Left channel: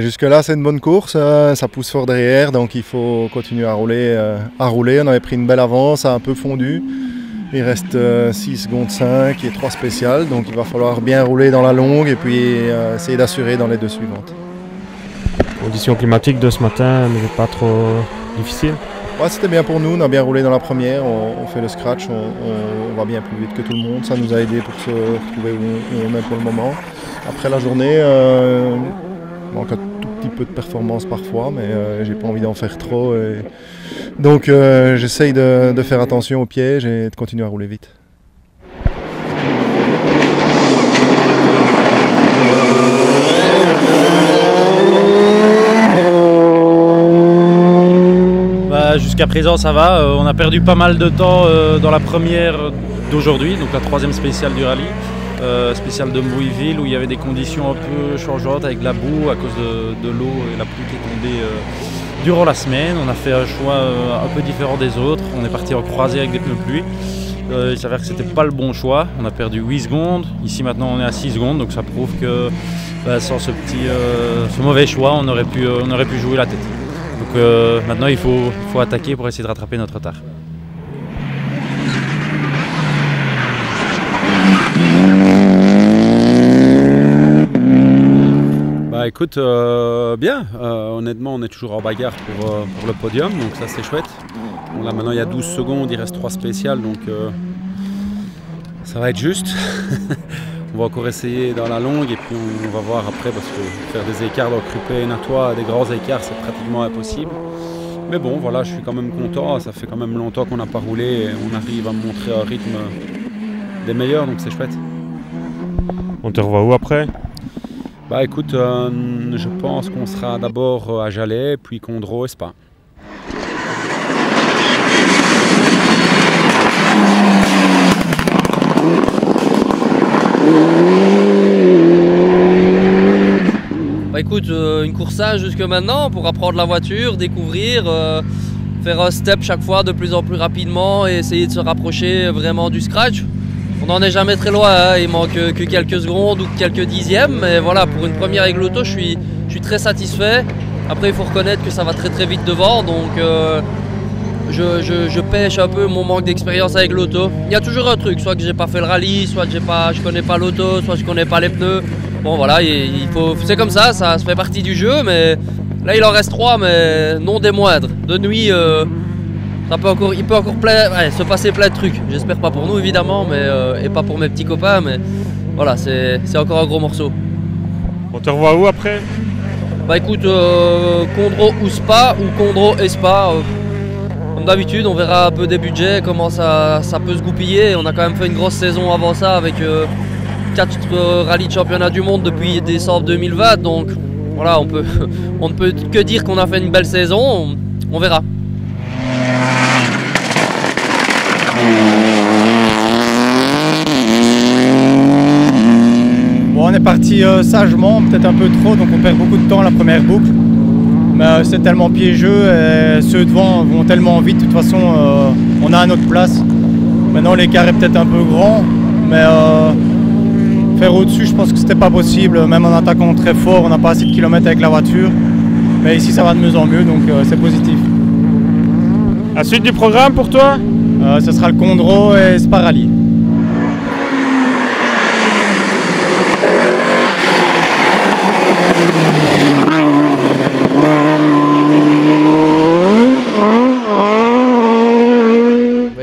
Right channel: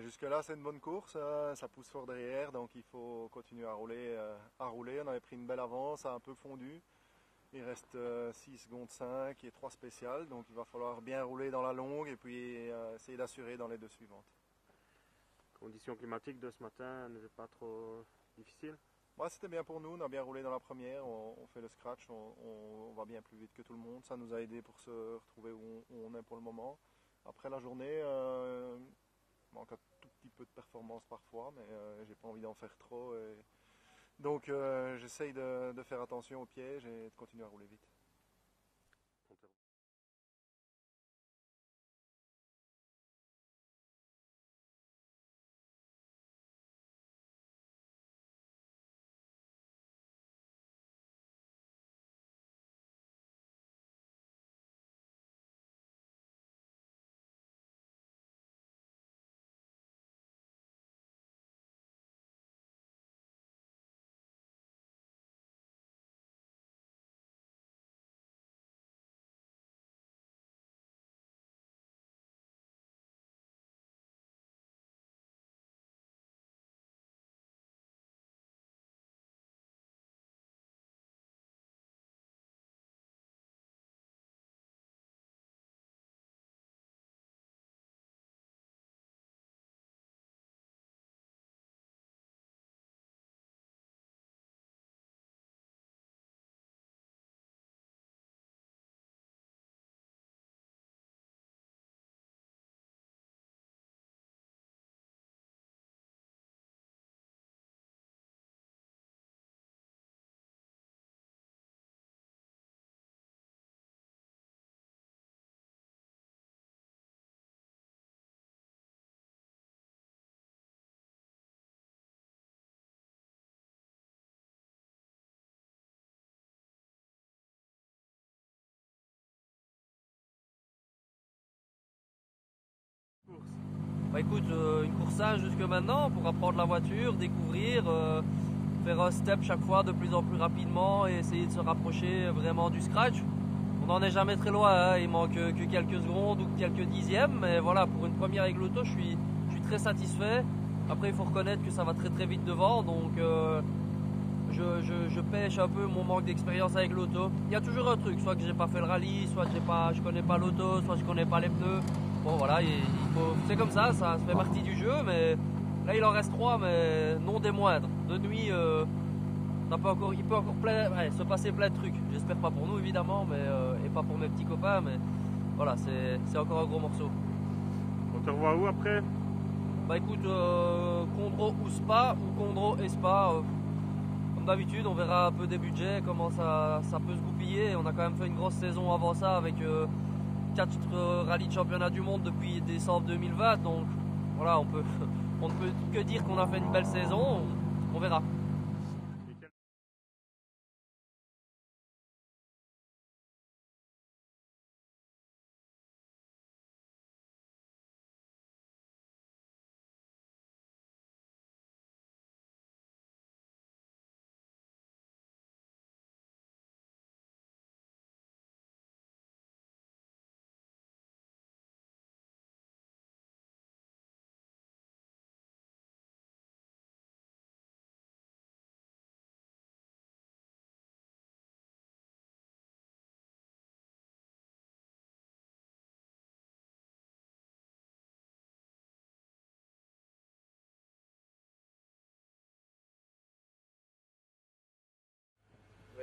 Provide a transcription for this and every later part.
Jusque-là, c'est une bonne course, ça pousse fort derrière, donc il faut continuer à rouler. On avait pris une belle avance, ça a un peu fondu. Il reste 6 secondes 5 et 3 spéciales, donc il va falloir bien rouler dans la longue et puis essayer d'assurer dans les deux suivantes. Conditions climatiques de ce matin, mais pas trop difficile. Ouais, c'était bien pour nous, on a bien roulé dans la première, on fait le scratch, on va bien plus vite que tout le monde, ça nous a aidé pour se retrouver où on est pour le moment. Après la journée, il manque un tout petit peu de performance parfois, mais j'ai pas envie d'en faire trop. Donc j'essaye de faire attention aux pièges et de continuer à rouler vite. Jusqu'à présent ça va, on a perdu pas mal de temps dans la première d'aujourd'hui, donc la troisième spéciale du rallye, spéciale de Mouilleville où il y avait des conditions un peu changeantes avec la boue à cause de l'eau et la pluie qui est tombée durant la semaine. On a fait un choix un peu différent des autres, on est parti en croisée avec des pneus pluie. Il s'avère que c'était pas le bon choix, on a perdu 8 secondes, ici maintenant on est à 6 secondes, donc ça prouve que sans ce mauvais choix on aurait pu jouer la tête. Donc maintenant il faut attaquer pour essayer de rattraper notre retard. Écoute, bien, honnêtement on est toujours en bagarre pour le podium, donc ça c'est chouette. Bon, là maintenant il y a 12 secondes, il reste 3 spéciales, donc ça va être juste. On va encore essayer dans la longue et puis on va voir après parce que faire des écarts dans Kruppen à toi, des grands écarts, c'est pratiquement impossible. Mais bon, voilà, je suis quand même content. Ça fait quand même longtemps qu'on n'a pas roulé et on arrive à montrer un rythme des meilleurs, donc c'est chouette. On te revoit où après? Écoute, je pense qu'on sera d'abord à Jalais, puis Condro et Spa. Écoute, une course sage jusque maintenant pour apprendre la voiture, découvrir, faire un step chaque fois de plus en plus rapidement et essayer de se rapprocher vraiment du scratch. On n'en est jamais très loin, hein. Il manque que quelques secondes ou quelques dixièmes, mais voilà, pour une première avec l'auto, je suis très satisfait. Après, il faut reconnaître que ça va très très vite devant, donc je pêche un peu mon manque d'expérience avec l'auto. Il y a toujours un truc, soit que j'ai pas fait le rallye, soit que je connais pas l'auto, soit je connais pas les pneus. Bon voilà, c'est comme ça fait partie du jeu, mais là il en reste 3, mais non des moindres. De nuit, il peut encore se passer plein de trucs. J'espère pas pour nous évidemment, et pas pour mes petits copains, mais voilà, c'est encore un gros morceau. On te revoit où après? Écoute, Condro ou Spa, ou Condro et Spa. Comme d'habitude, on verra un peu des budgets, comment ça peut se goupiller. On a quand même fait une grosse saison avant ça avec 4 rallyes de championnat du monde depuis décembre 2020, donc voilà, on ne peut que dire qu'on a fait une belle saison, on verra. Bon, on est parti sagement, peut-être un peu trop, donc on perd beaucoup de temps à la première boucle. Mais c'est tellement piégeux et ceux devant vont tellement vite, de toute façon on a à notre place. Maintenant l'écart est peut-être un peu grand, mais faire au-dessus, je pense que c'était pas possible, même en attaquant très fort, on n'a pas assez de kilomètres avec la voiture. Mais ici ça va de mieux en mieux, donc c'est positif. La suite du programme pour toi? Ce sera le Condro et Spa Rally.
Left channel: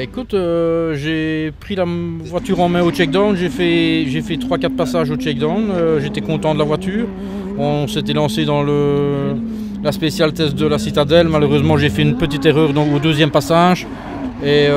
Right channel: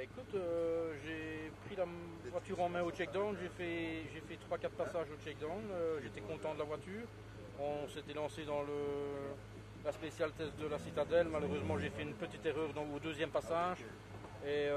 Écoute, j'ai pris la voiture en main au check-down, j'ai fait 3-4 passages au check-down, j'étais content de la voiture. On s'était lancé dans la spéciale test de la Citadelle, malheureusement j'ai fait une petite erreur au deuxième passage. Et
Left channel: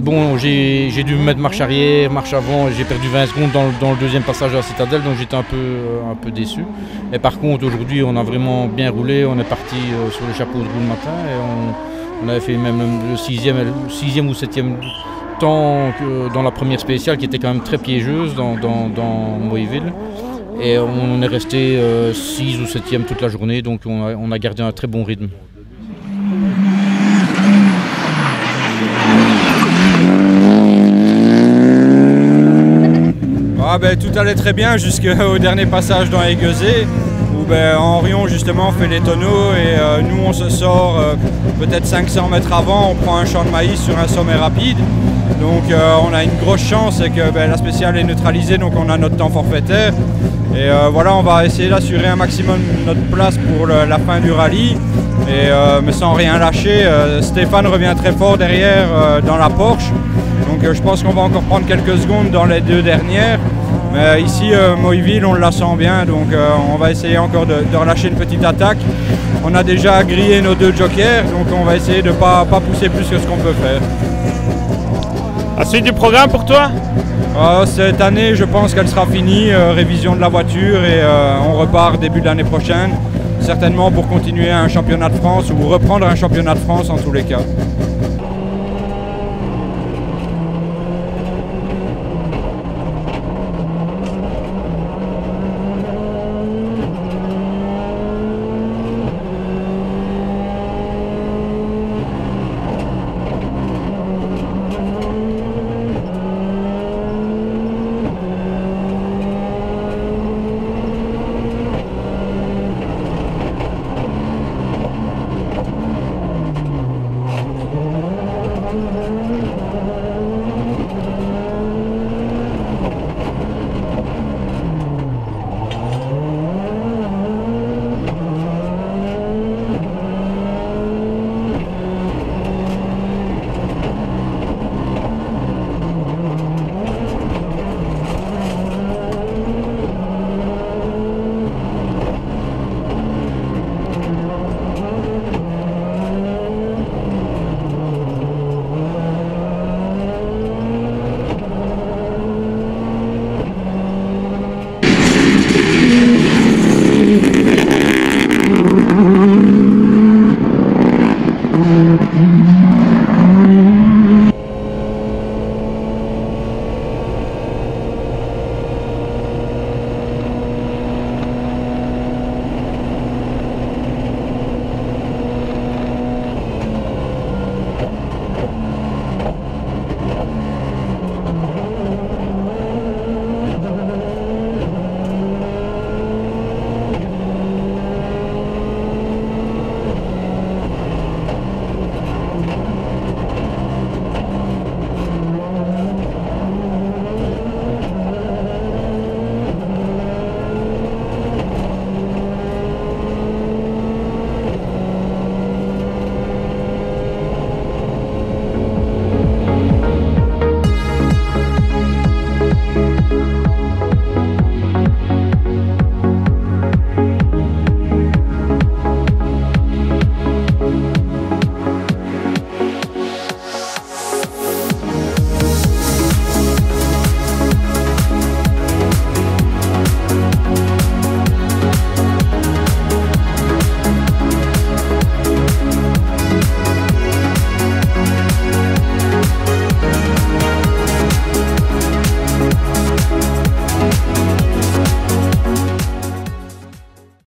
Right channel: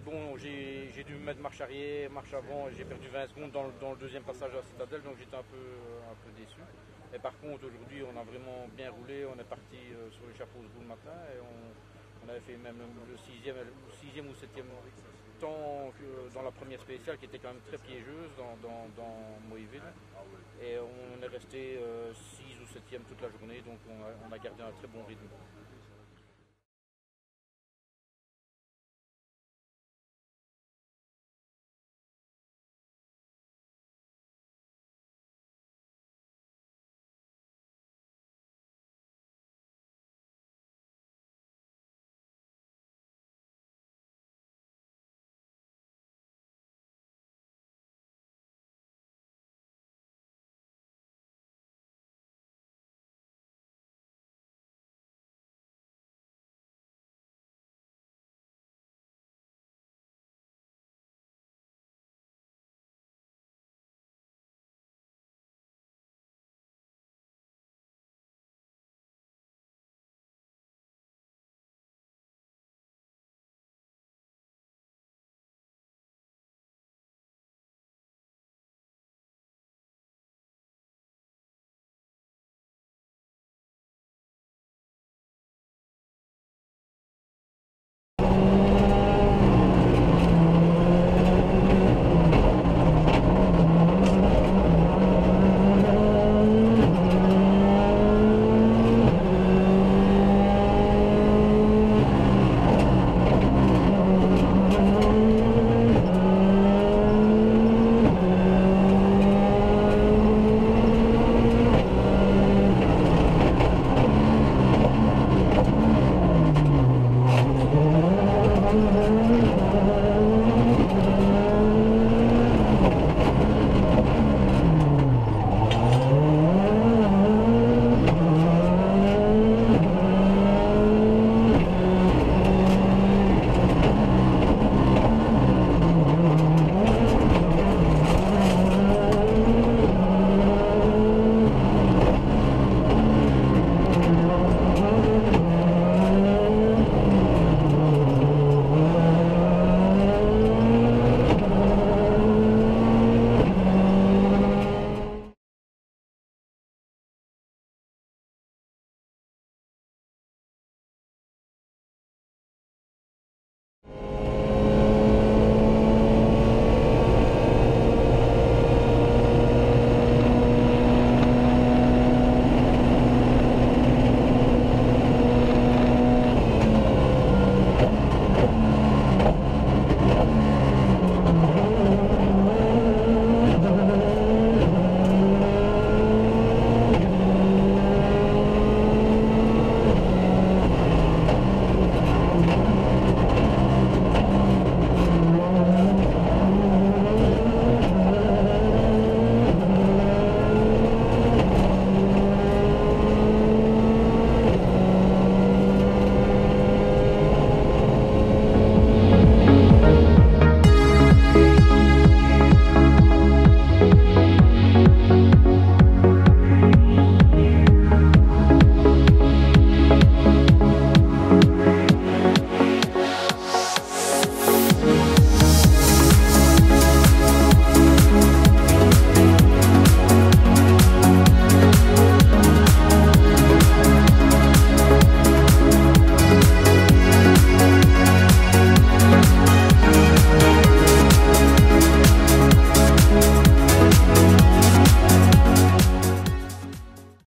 bon, j'ai dû me mettre marche arrière, marche avant, j'ai perdu 20 secondes dans le deuxième passage à la Citadelle, donc j'étais un peu déçu. Et par contre, aujourd'hui, on a vraiment bien roulé, on est parti sur les chapeaux de roue le matin et on avait fait même le 6e ou 7e temps dans la première spéciale qui était quand même très piégeuse dans Mouilleville. Et on est resté 6 ou 7e toute la journée, donc on a gardé un très bon rythme. Tout allait très bien jusqu'au dernier passage dans Aiguezé où où Henrion justement fait les tonneaux et nous on se sort peut-être 500 mètres avant, on prend un champ de maïs sur un sommet rapide. Donc on a une grosse chance, c'est que la spéciale est neutralisée, donc on a notre temps forfaitaire. Et voilà, on va essayer d'assurer un maximum notre place pour la fin du rallye. Mais sans rien lâcher, Stéphane revient très fort derrière dans la Porsche. Donc je pense qu'on va encore prendre quelques secondes dans les 2 dernières. Mais ici, Moiville, on la sent bien, donc on va essayer encore de relâcher une petite attaque. On a déjà grillé nos 2 jokers, donc on va essayer de ne pas pousser plus que ce qu'on peut faire. La suite du programme pour toi? Cette année, je pense qu'elle sera finie, révision de la voiture et on repart début de l'année prochaine. Certainement pour continuer un championnat de France ou reprendre un championnat de France en tous les cas.